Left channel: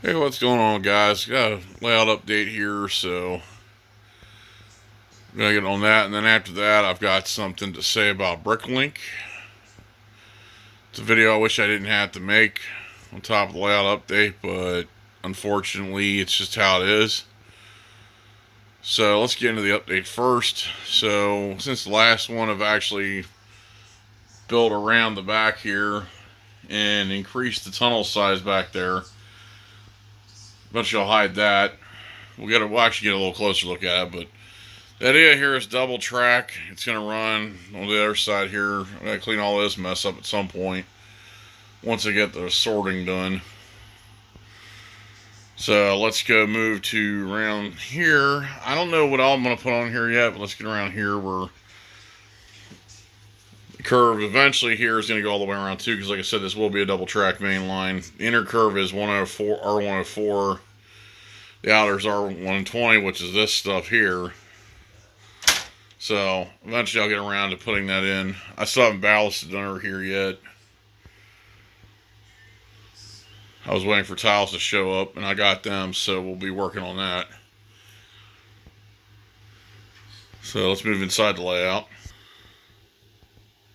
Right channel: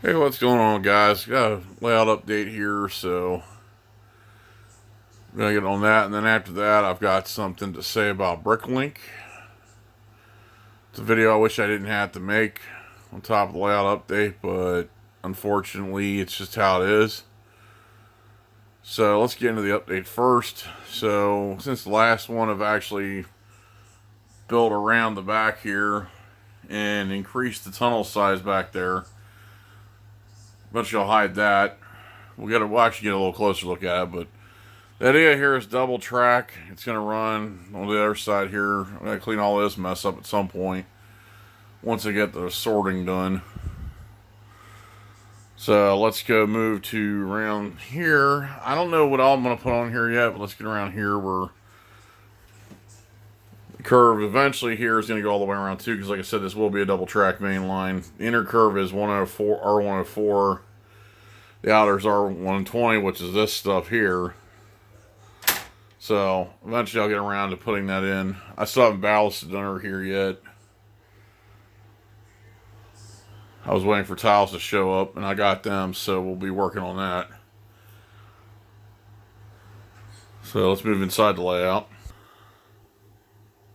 Hey, what's going on, guys? Got a layout update here, so I'm gonna get on that, and then after that, I've got something to say about Bricklink. It's a video I wish I didn't have to make on top of the layout update, but unfortunately, it's just how it is. So let's get into the update first. So since the last one, I've actually built around the back here and increased the tunnel size back there. But you'll hide that. We'll actually get a little closer look at it, but the idea here is double track. It's going to run on the other side here. I'm going to clean all this mess up at some point once I get the sorting done. So let's go move to around here. I don't know what all I'm going to put on here yet, but let's get around here where the curve eventually here is going to go all the way around too, because like I said, this will be a double track main line. The inner curve is 104, R104. The outer's R120, which is this stuff here. So eventually I'll get around to putting that in. I still haven't ballasted under here yet. I was waiting for tiles to show up and I got them, so we'll be working on that. So let's move inside the layout.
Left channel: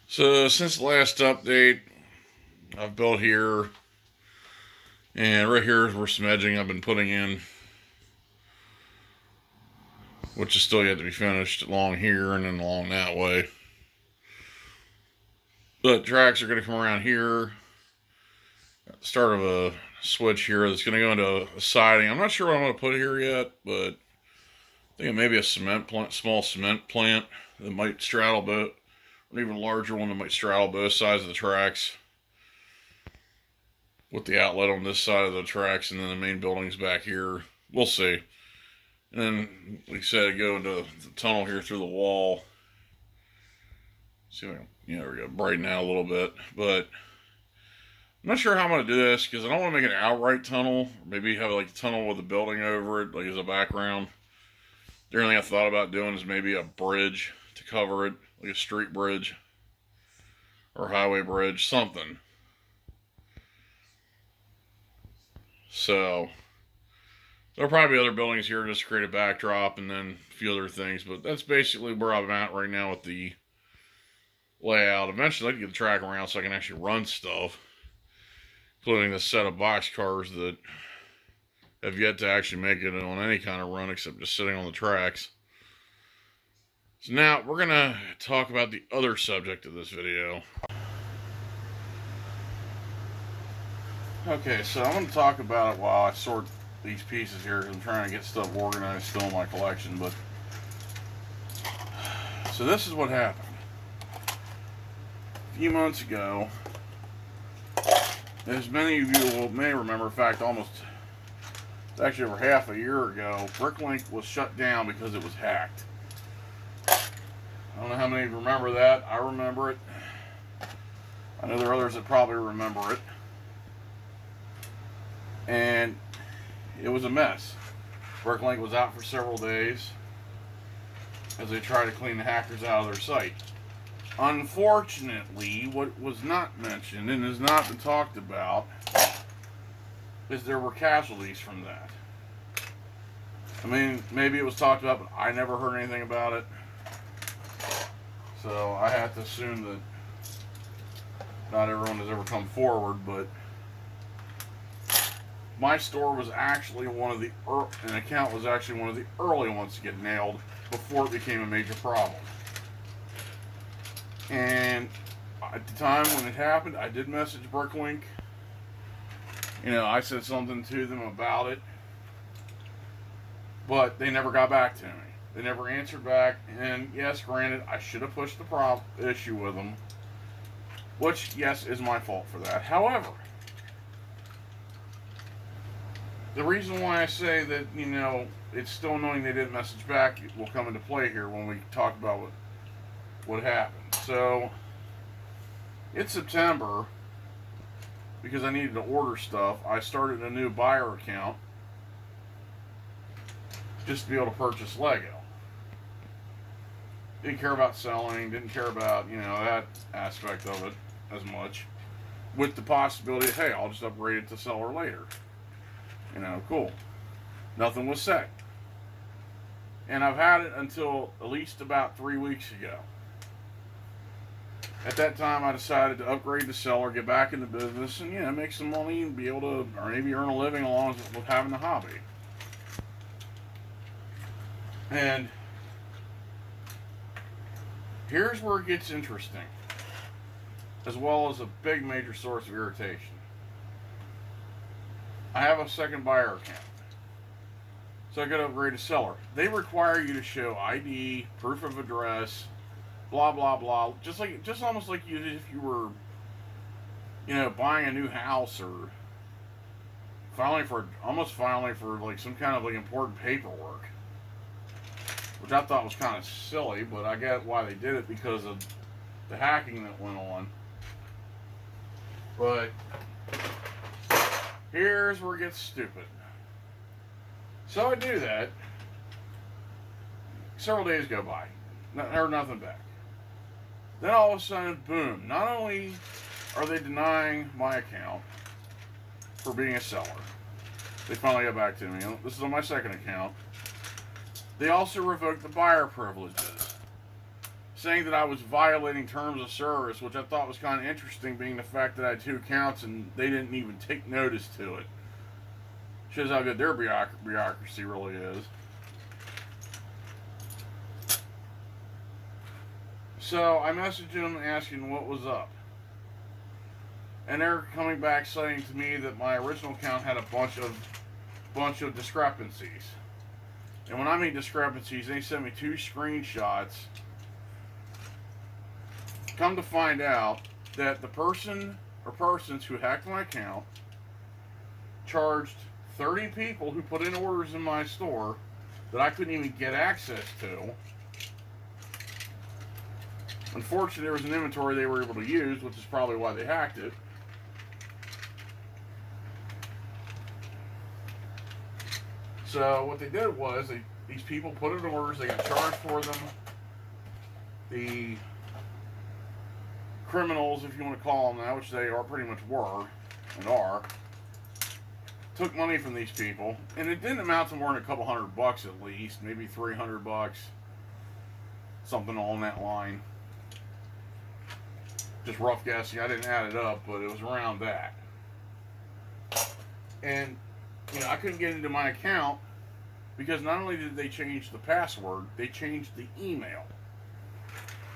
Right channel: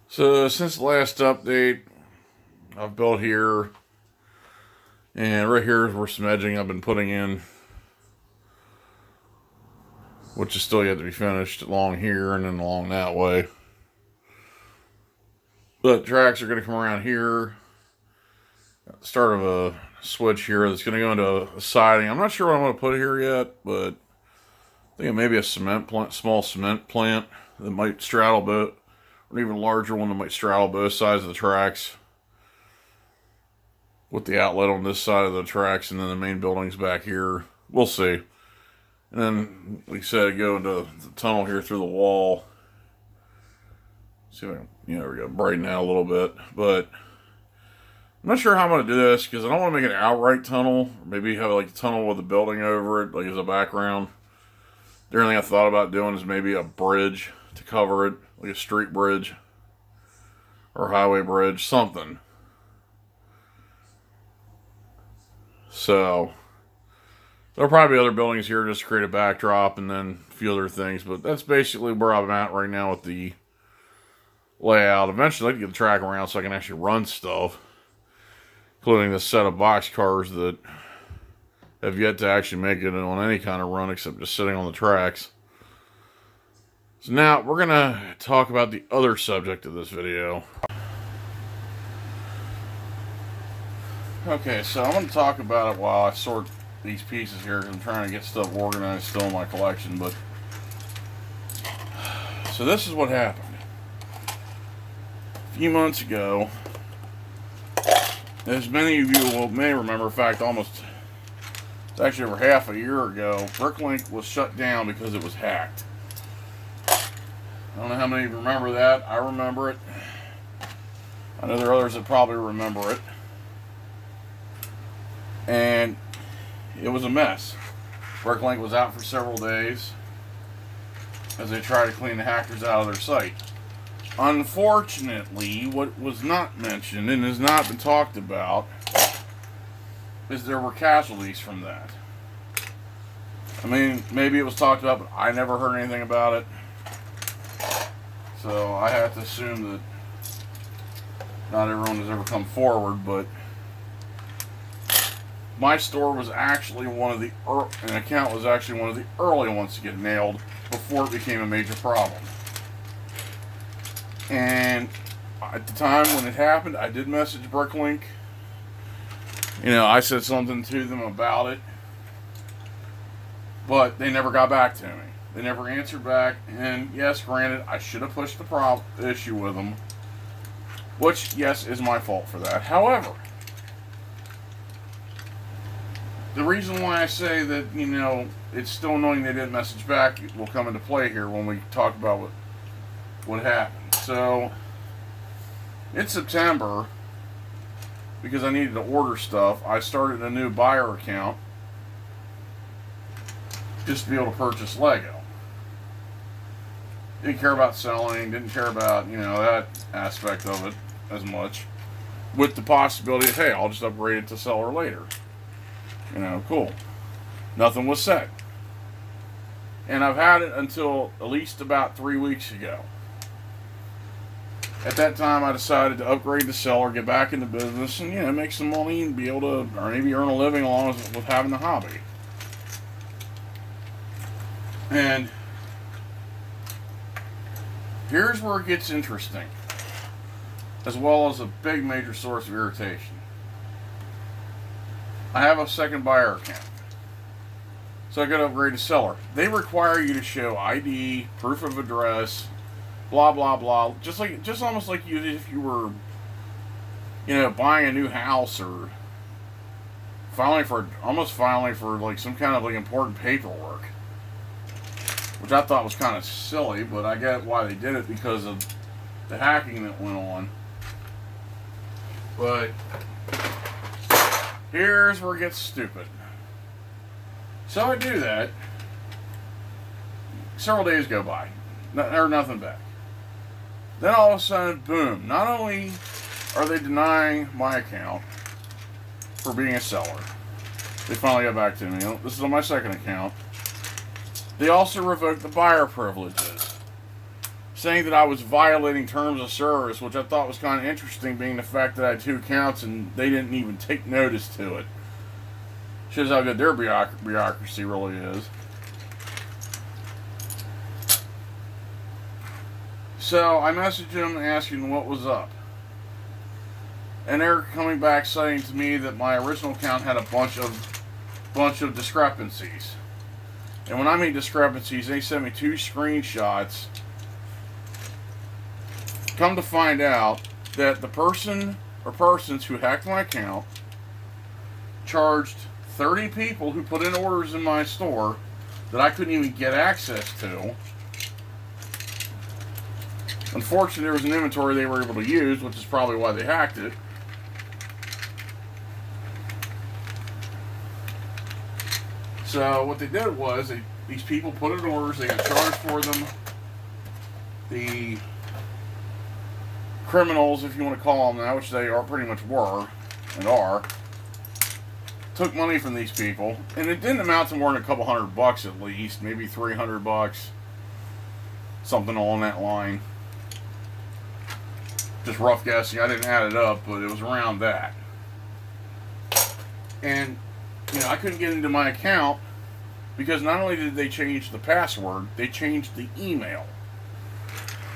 So since the last update, I've built here, and right here is where some edging I've been putting in, which is still yet to be finished, along here and then along that way. But tracks are going to come around here at the start of a switch here that's going to go into a siding. I'm not sure what I'm going to put here yet, but I think it may be a cement plant, small cement plant that might straddle both, or an even larger one that might straddle both sides of the tracks, with the outlet on this side of the tracks and then the main buildings back here. We'll see. And then, like I said, go into the tunnel here through the wall. See if I can, there we go, brighten out a little bit. But I'm not sure how I'm going to do this, because I don't want to make an outright tunnel. Or maybe have like a tunnel with a building over it, like as a background. The only thing I thought about doing is maybe a bridge to cover it, like a street bridge or highway bridge, something. So there'll probably be other buildings here just to create a backdrop and then a few other things. But that's basically where I'm at right now with the layout. Eventually, I'd like to get the track around so I can actually run stuff, including this set of box cars that have yet to actually make it on any kind of run except just sitting on the tracks. So now we're going to talk about the other subject of this video. Okay, so I'm going to talk about it while I sort these pieces here, because I'm trying to get stuff organized still in my collection. But so this is what happened. A few months ago, as many of you may remember, in fact, it's actually over half a year ago, Bricklink was shut down because it was hacked. I don't know how many of you remember that. I remember it. I know there are others that probably remember it. And it was a mess. Bricklink was out for several days as they tried to clean the hackers out of their site. Unfortunately, what was not mentioned and has not been talked about is there were casualties from that. I mean, maybe it was talked about, but I never heard anything about it. So I have to assume that not everyone has ever come forward, but my store was actually an account was actually one of the early ones to get nailed before it became a major problem. And at the time when it happened, I did message Bricklink. I said something to them about it, but they never got back to me. They never answered back. And yes, granted, I should have pushed the issue with them, which, yes, is my fault for that. However, the reason why I say that, it's still annoying they didn't message back will come into play here when we talk about what happened. So, it's September, because I needed to order stuff. I started a new buyer account just to be able to purchase Lego. Didn't care about selling, didn't care about, that aspect of it as much. With the possibility of, hey, I'll just upgrade it to seller later. Cool. Nothing was said. And I've had it until at least about 3 weeks ago. At that time, I decided to upgrade the seller, get back into business, and make some money and be able to, or maybe earn a living along with having the hobby. And here's where it gets interesting, as well as a big major source of irritation. I have a second buyer account, so I got to upgrade the seller. They require you to show ID, proof of address, blah blah blah, just almost like you if you were, buying a new house or filing for like some kind of like important paperwork, which I thought was kind of silly, but I get why they did it because of the hacking that went on. But here's where it gets stupid. So I do that. Several days go by. Nothing back. Then all of a sudden, boom. Not only are they denying my account for being a seller, they finally got back to me. This is on my second account. They also revoked the buyer privileges, saying that I was violating terms of service, which I thought was kind of interesting, being the fact that I had two accounts and they didn't even take notice to it. Shows how good their bureaucracy really is. So I messaged them asking what was up. And they're coming back saying to me that my original account had a bunch of discrepancies. And when I mean discrepancies, they sent me 2 screenshots. Come to find out that the person or persons who hacked my account charged 30 people who put in orders in my store that I couldn't even get access to. Unfortunately, there was an inventory they were able to use, which is probably why they hacked it. So what they did was, these people put in orders, they got charged for them. The criminals, if you want to call them that, which they are pretty much were and are, took money from these people, and it didn't amount to more than a couple $100 at least, maybe $300, something along that line. Just rough guessing. I didn't add it up, but it was around that. And I couldn't get into my account because not only did they change the password, they changed the email.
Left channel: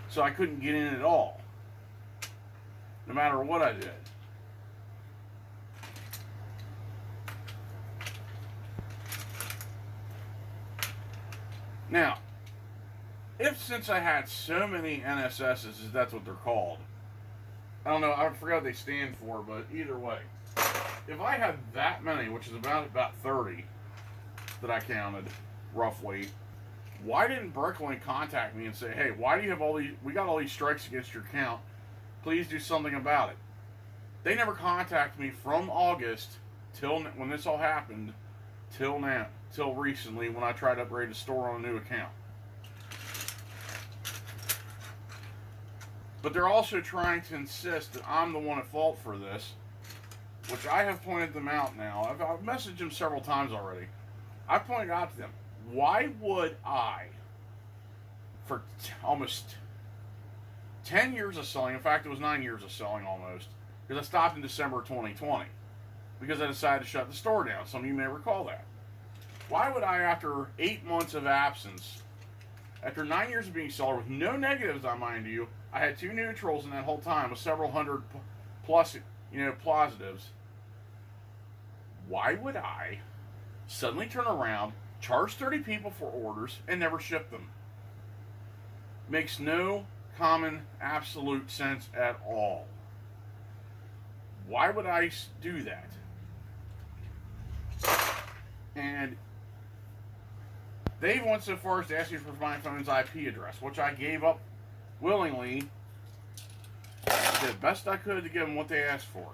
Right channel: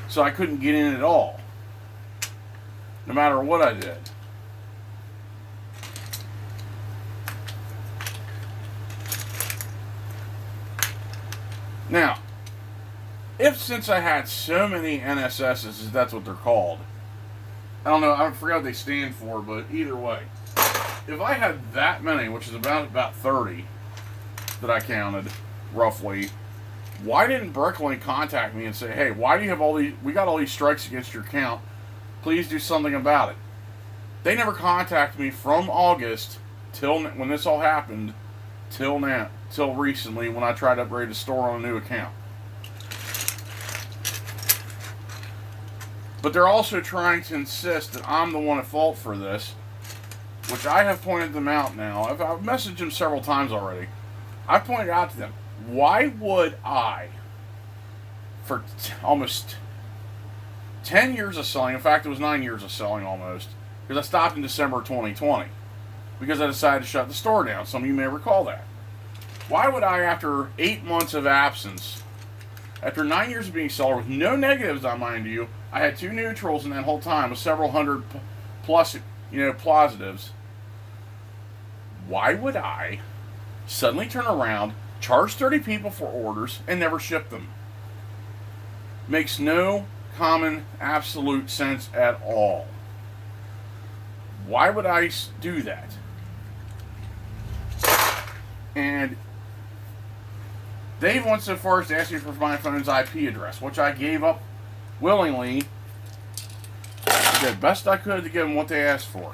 So I couldn't get in at all, no matter what I did. Now, since I had so many NSSs, that's what they're called. I don't know, I forgot what they stand for, but either way, if I had that many, which is about 30 that I counted, roughly, why didn't Bricklink contact me and say, hey, why do you have we got all these strikes against your account, please do something about it? They never contacted me from August till when this all happened, till recently when I tried to upgrade the store on a new account. But they're also trying to insist that I'm the one at fault for this, which I have pointed them out now. I've messaged them several times already. I've pointed out to them, why would I, for almost 10 years of selling, in fact it was 9 years of selling almost, because I stopped in December 2020, because I decided to shut the store down. Some of you may recall that. Why would I, after 8 months of absence, after 9 years of being a seller with no negatives, I mind you, I had 2 neutrals in that whole time with several hundred plus, positives. Why would I suddenly turn around, charge 30 people for orders, and never ship them? Makes no common, absolute sense at all. Why would I do that? And Dave went so far as to ask me for my phone's IP address, which I gave up willingly. I did the best I could to give them what they asked for.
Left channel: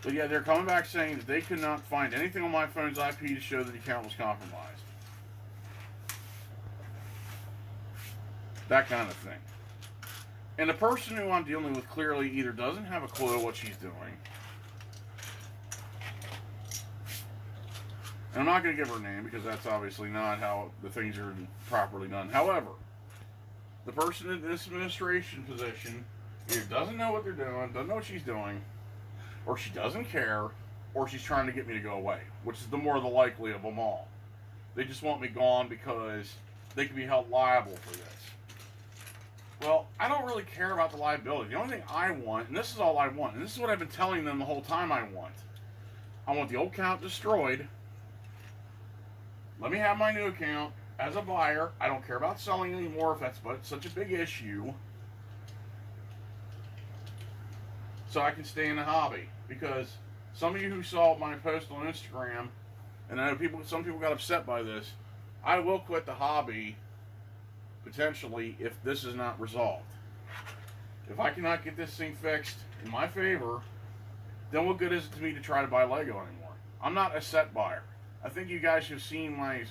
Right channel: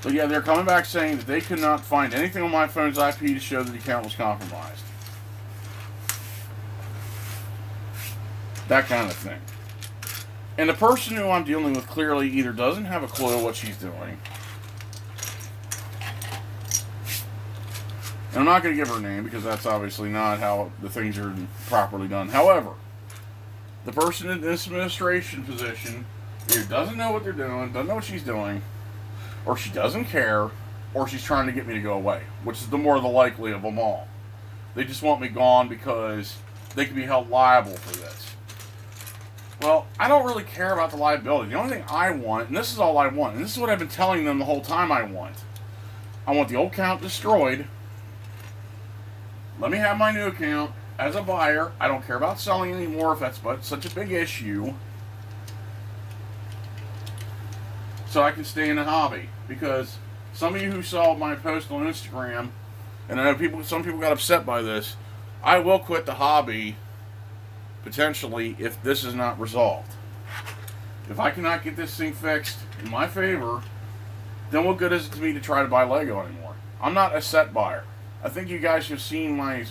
But yeah, they're coming back saying that they could not find anything on my phone's IP to show that the account was compromised. That kind of thing. And the person who I'm dealing with clearly either doesn't have a clue what she's doing, And I'm not going to give her a name because that's obviously not how the things are properly done. However, the person in this administration position either doesn't know what they're doing, doesn't know what she's doing, or she doesn't care, or she's trying to get me to go away, which is the more the likely of them all. They just want me gone because they can be held liable for this. Well, I don't really care about the liability. The only thing I want, and this is all I want, and this is what I've been telling them the whole time I want the old account destroyed. Let me have my new account as a buyer. I don't care about selling anymore if that's but such a big issue. So I can stay in the hobby. Because some of you who saw my post on Instagram, and I know some people got upset by this, I will quit the hobby potentially if this is not resolved. If I cannot get this thing fixed in my favor, then what good is it to me to try to buy Lego anymore? I'm not a set buyer. I think you guys have seen my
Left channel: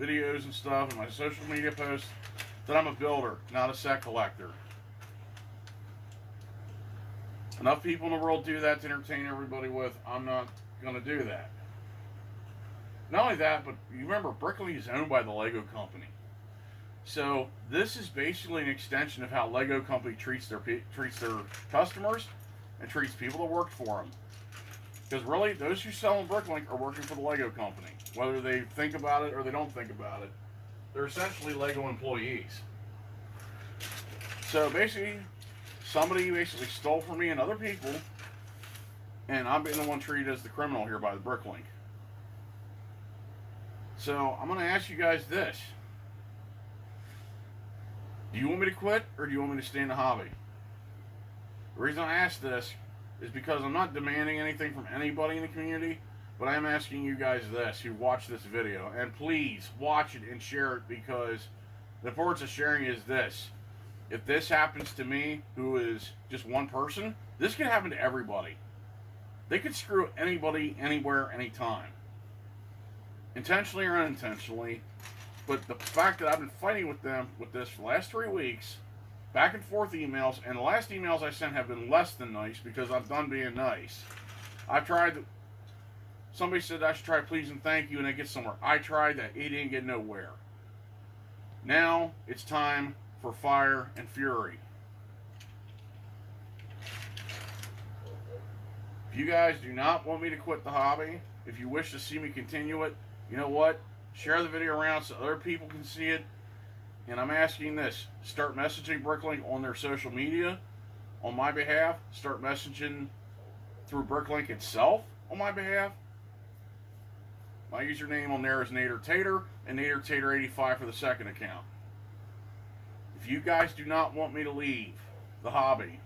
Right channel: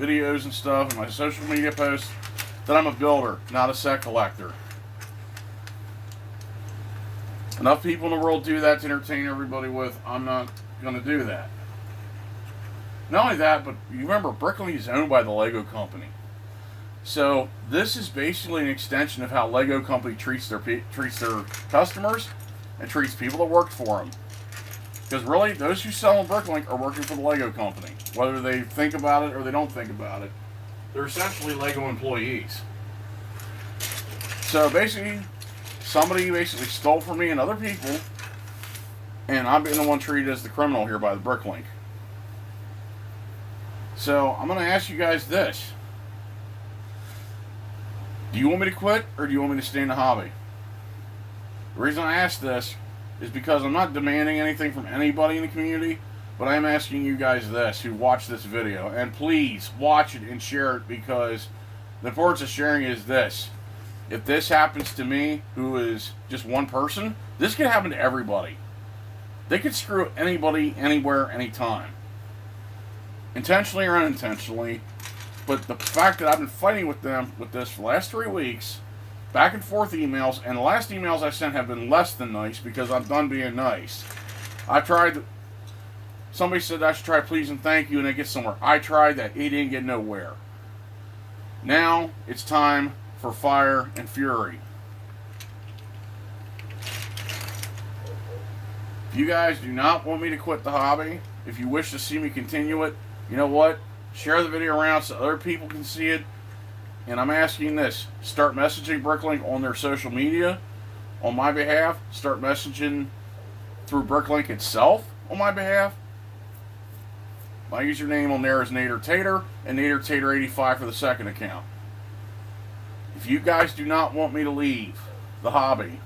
videos and stuff and my social media posts that I'm a builder, not a set collector. Enough people in the world do that to entertain everybody with. I'm not going to do that. Not only that, but you remember Bricklink is owned by the Lego company. So this is basically an extension of how Lego company treats their customers and treats people that work for them. Because really, those who sell on Bricklink are working for the Lego company. Whether they think about it or they don't think about it, they're essentially Lego employees. So basically, somebody basically stole from me and other people, and I'm being the one treated as the criminal here by the Bricklink. So I'm going to ask you guys this. Do you want me to quit, or do you want me to stay in the hobby? The reason I ask this is because I'm not demanding anything from anybody in the community, but I am asking you guys this, who watch this video, and please watch it and share it, because the importance of sharing is this. If this happens to me, who is just one person, this could happen to everybody. They could screw anybody, anywhere, anytime. Intentionally or unintentionally. But the fact that I've been fighting with them with this for the last 3 weeks, back and forth emails, and the last emails I sent have been less than nice because I'm done being nice. I tried, somebody said I should try please and thank you and it gets somewhere. I tried that, it didn't get nowhere. Now it's time for fire and fury. If you guys do not want me to quit the hobby, if you wish to see me continue it, you know what? Share the video around so other people can see it. And I'm asking this. Start messaging Bricklink on their social media on my behalf. Start messaging through Bricklink itself on my behalf. My username on there is NaderTater and NaderTater85 for the second account. If you guys do not want me to leave the hobby,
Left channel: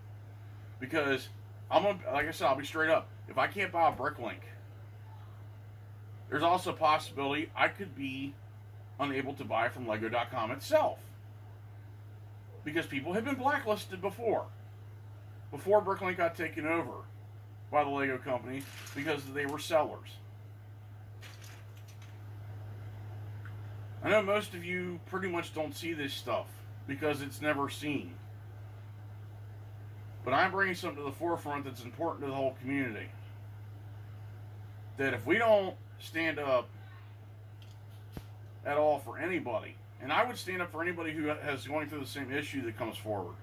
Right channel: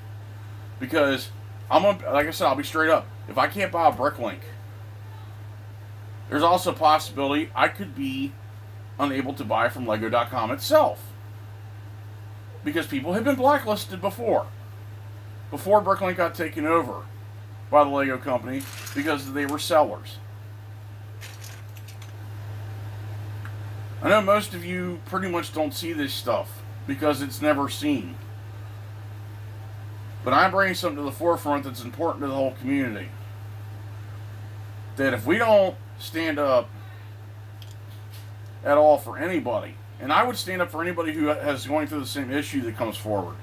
because like I said, I'll be straight up. If I can't buy a Bricklink, there's also a possibility I could be unable to buy from Lego.com itself. Because people have been blacklisted before. Before Bricklink got taken over by the Lego company because they were sellers. I know most of you pretty much don't see this stuff because it's never seen. But I'm bringing something to the forefront that's important to the whole community. That if we don't stand up at all for anybody, and I would stand up for anybody who has going through the same issue that comes forward,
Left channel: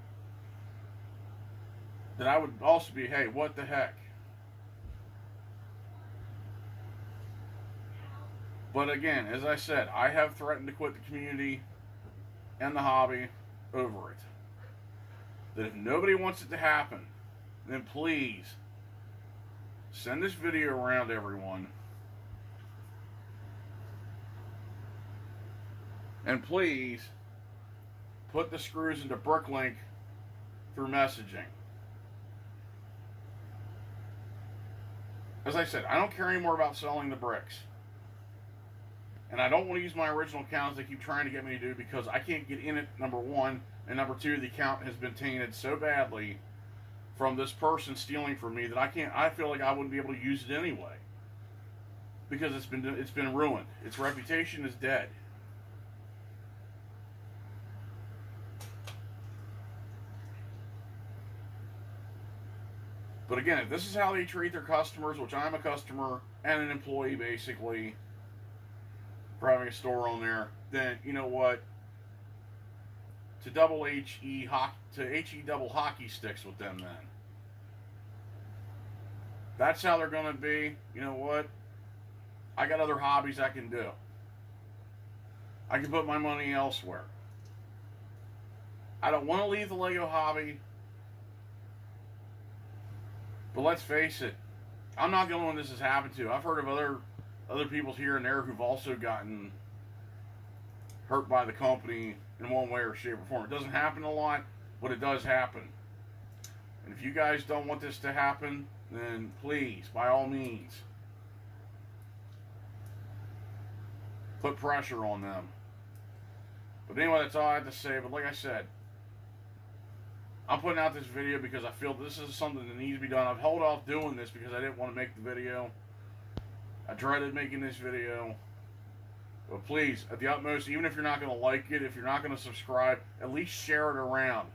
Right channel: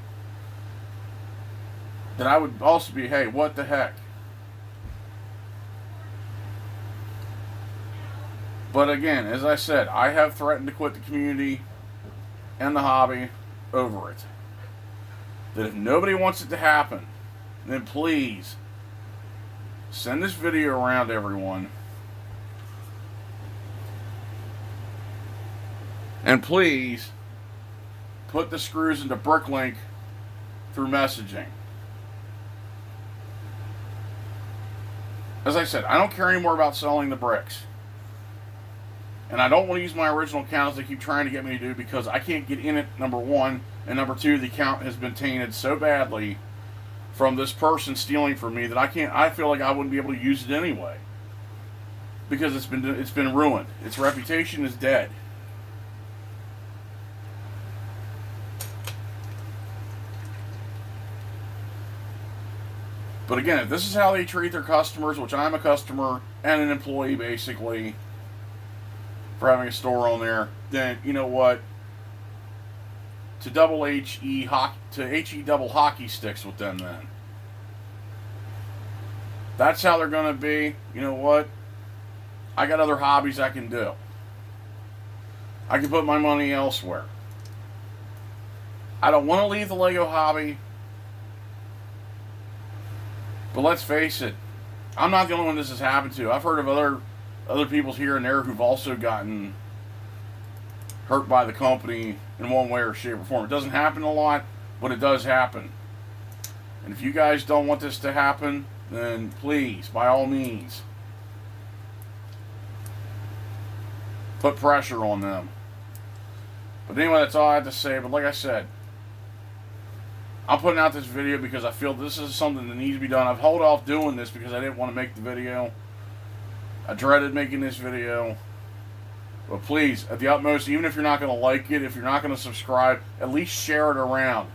then I would also be, hey, what the heck? But again, as I said, I have threatened to quit the community and the hobby over it. That if nobody wants it to happen, then please send this video around to everyone. And please put the screws into Bricklink through messaging. As I said, I don't care anymore about selling the bricks. And I don't want to use my original account as they keep trying to get me to do, because I can't get in it, number one. And number two, the account has been tainted so badly from this person stealing from me that I feel like I wouldn't be able to use it anyway. Because it's been ruined. Its reputation is dead. But again, if this is how they treat their customers, which I'm a customer and an employee basically, or having a store on there, then you know what? To double HE hockey, to HE double hockey sticks with them then. That's how they're going to be. You know what? I got other hobbies I can do. I can put my money elsewhere. I don't want to leave the Lego hobby. But let's face it, I'm not the only one this has happened to. I've heard of other people here and there who've also gotten hurt by the company in one way or shape or form. It doesn't happen a lot, but it does happen. And if you guys don't want this to happen, then please, by all means, put pressure on them. But anyway, that's all I have to say. But like I said, I'm putting out this video because I feel this is something that needs to be done. I've held off doing this because I didn't want to make the video. I dreaded making this video. But please, at the utmost, even if you're not going to like it, if you're not going to subscribe, at least share it around.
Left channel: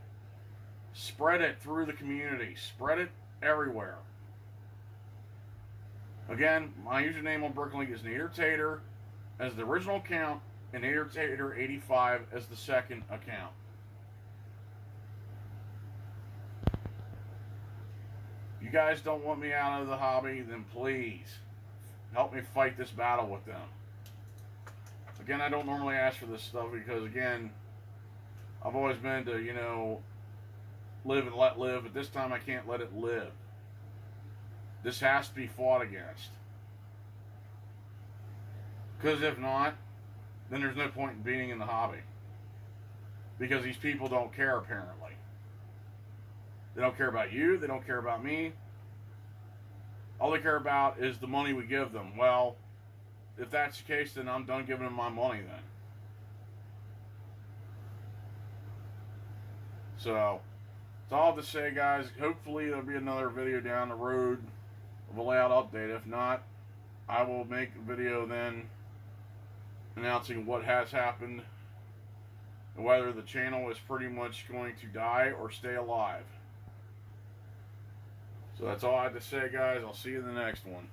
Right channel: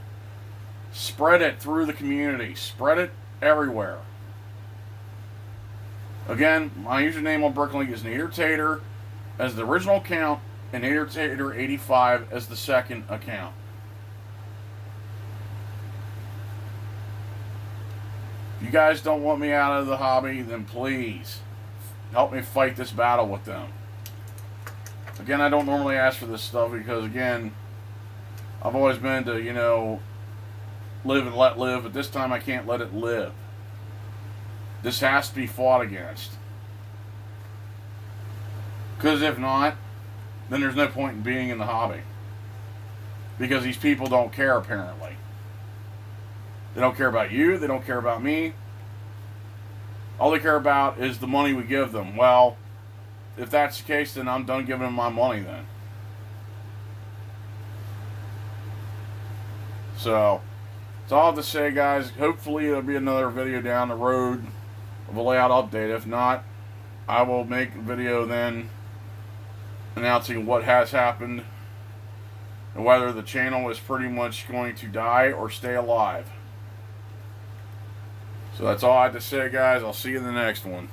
Spread it through the community. Spread it everywhere. Again, my username on Bricklink is Nadertater as the original account and Nadertater85 as the second account. If you guys don't want me out of the hobby, then please help me fight this battle with them. Again, I don't normally ask for this stuff because, again, I've always been to, you know, live and let live, but this time I can't let it live. This has to be fought against. Because if not, then there's no point in being in the hobby. Because these people don't care, apparently. They don't care about you. They don't care about me. All they care about is the money we give them. Well, if that's the case, then I'm done giving them my money then. So, that's all I have to say, guys. Hopefully there'll be another video down the road of a layout update. If not, I will make a video then announcing what has happened and whether the channel is pretty much going to die or stay alive. So that's all I have to say, guys. I'll see you in the next one.